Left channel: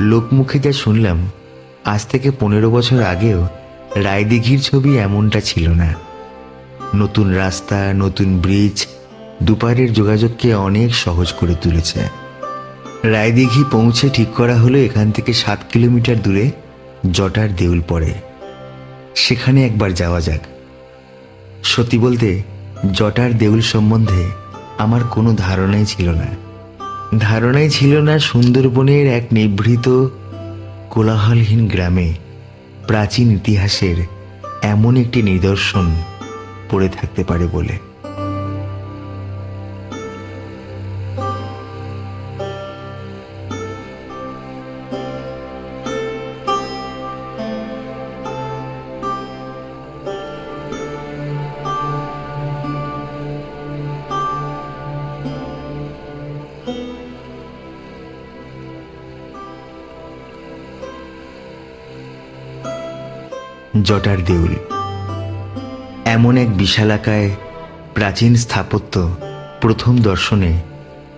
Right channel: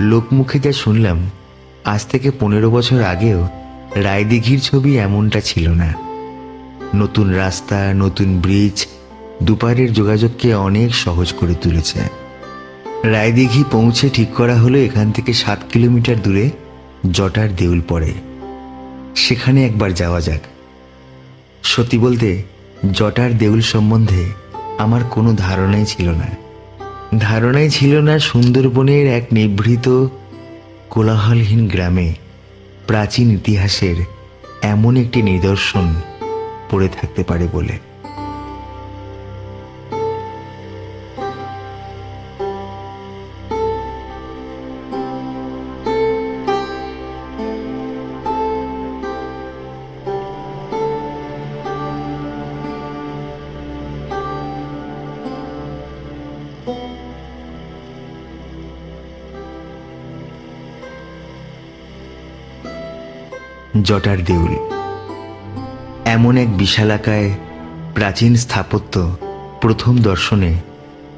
লোকমুখে যা শুনলাম, আজ থেকে 15 বছর আগেও রায়দিঘির ছবি এমনটা ছিল না। নতুন রাস্তা, নতুন ব্রিজ দুপারের যোগাযোগকে অনেক সহজ করে তুলেছে। রায়দিঘি পৌঁছে ঠিক করা হলো এখান থেকে 7 কিলোমিটার দূরে জটার দেউল পড়ে, সেখানে একবার যাওয়া যাক। সত্যি বলতে জটার দেউল সম্বন্ধে আমার কোনো ধারণাই ছিল না সুন্দরবনের এক নিভৃত কোলাহলহীন গ্রামে প্রাচীন ইতিহাসের এমন একটি নিদর্শন পড়ে থাকতে পারে বলে। জটার দেউল এমন এক বিশালাকায় প্রাচীন স্থাপত্য, প্রথম দর্শনে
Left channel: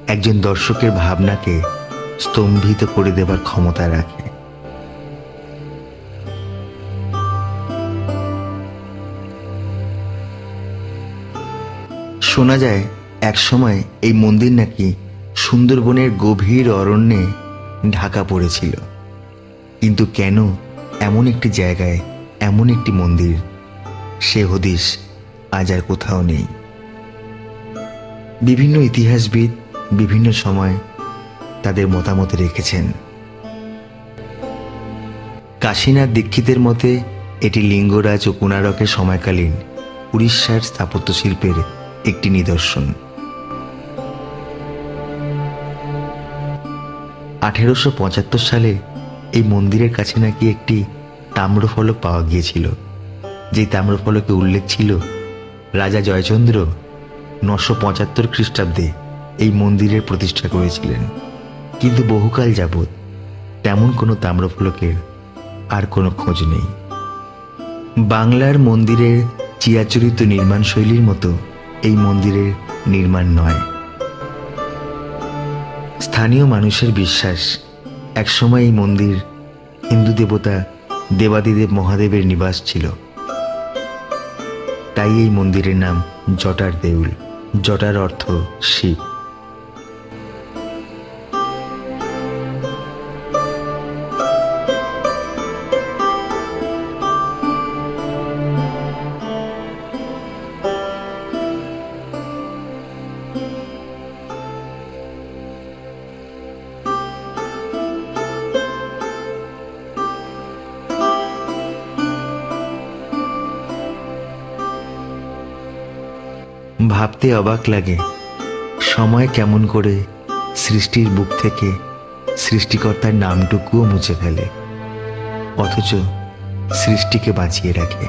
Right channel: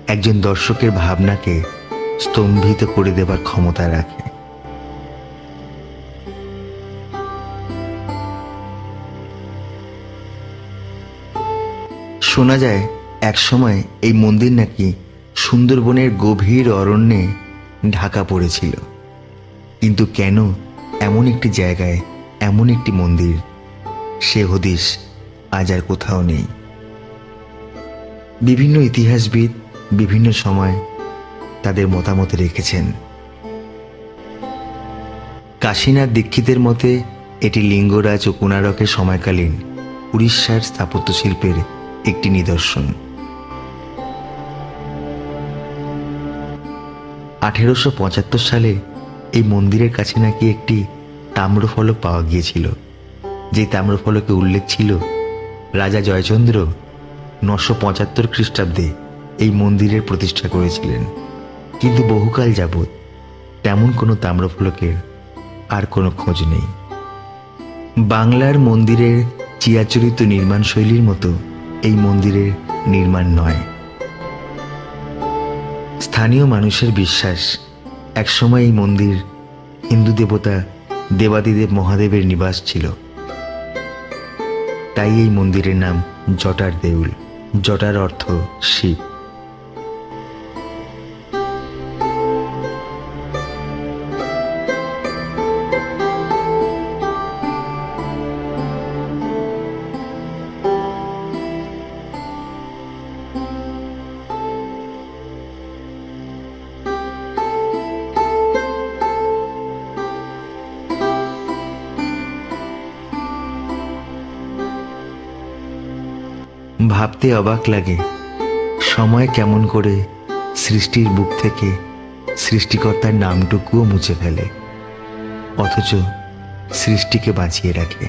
একজন দর্শকের ভাবনাকে স্তম্ভিত করে দেবার ক্ষমতা রাখে। শোনা যায় একসময় এই মন্দির নাকি সুন্দরবনের গভীর অরণ্যে ঢাকা পড়েছিল, কিন্তু কেন এমন একটি জায়গায় এমন একটি মন্দির, সে হদিশ আজ আর কোথাও নেই। বিভিন্ন ইতিহাসবিদ বিভিন্ন সময় তাদের মতামত রেখেছেন। কাশীনাথ দীক্ষিতের মতে এটি লিঙ্গরাজ ও কোণারকের সময়কালীন উড়িষ্যার স্থাপত্য শিল্পের একটি নিদর্শন। 1875 সালে এই মন্দিরের কাছে নাকি একটি তাম্রফলক পাওয়া গিয়েছিল, যে তাম্রফলকে উল্লেখ ছিল রাজা জয়চন্দ্র 975 খ্রিস্টাব্দে এই মন্দিরের প্রতিষ্ঠা করেছিলেন। কিন্তু বহুকাল যাবৎ তেমন কোনো তাম্রফলকের আর কোনো খোঁজ নেই। বাংলার মন্দিরের চিরাচরিত নির্মাণ শৈলীর মতো এই মন্দিরের নির্মাণ নয়। স্থানীয় মানুষের বিশ্বাস একসময় এই মন্দির হিন্দু দেবতা দেবাদিদেব মহাদেবের নিবাস ছিল। তাই এই মন্দিরের নাম জটার দেউল। জটার অর্থ শিব। ভাবতে অবাক লাগে সময় কেমন করে সৃষ্টির বুক থেকে সৃষ্টিকর্তার নামটুকুও মুছে ফেলে, অথচ সৃষ্টিকে বাঁচিয়ে রাখে।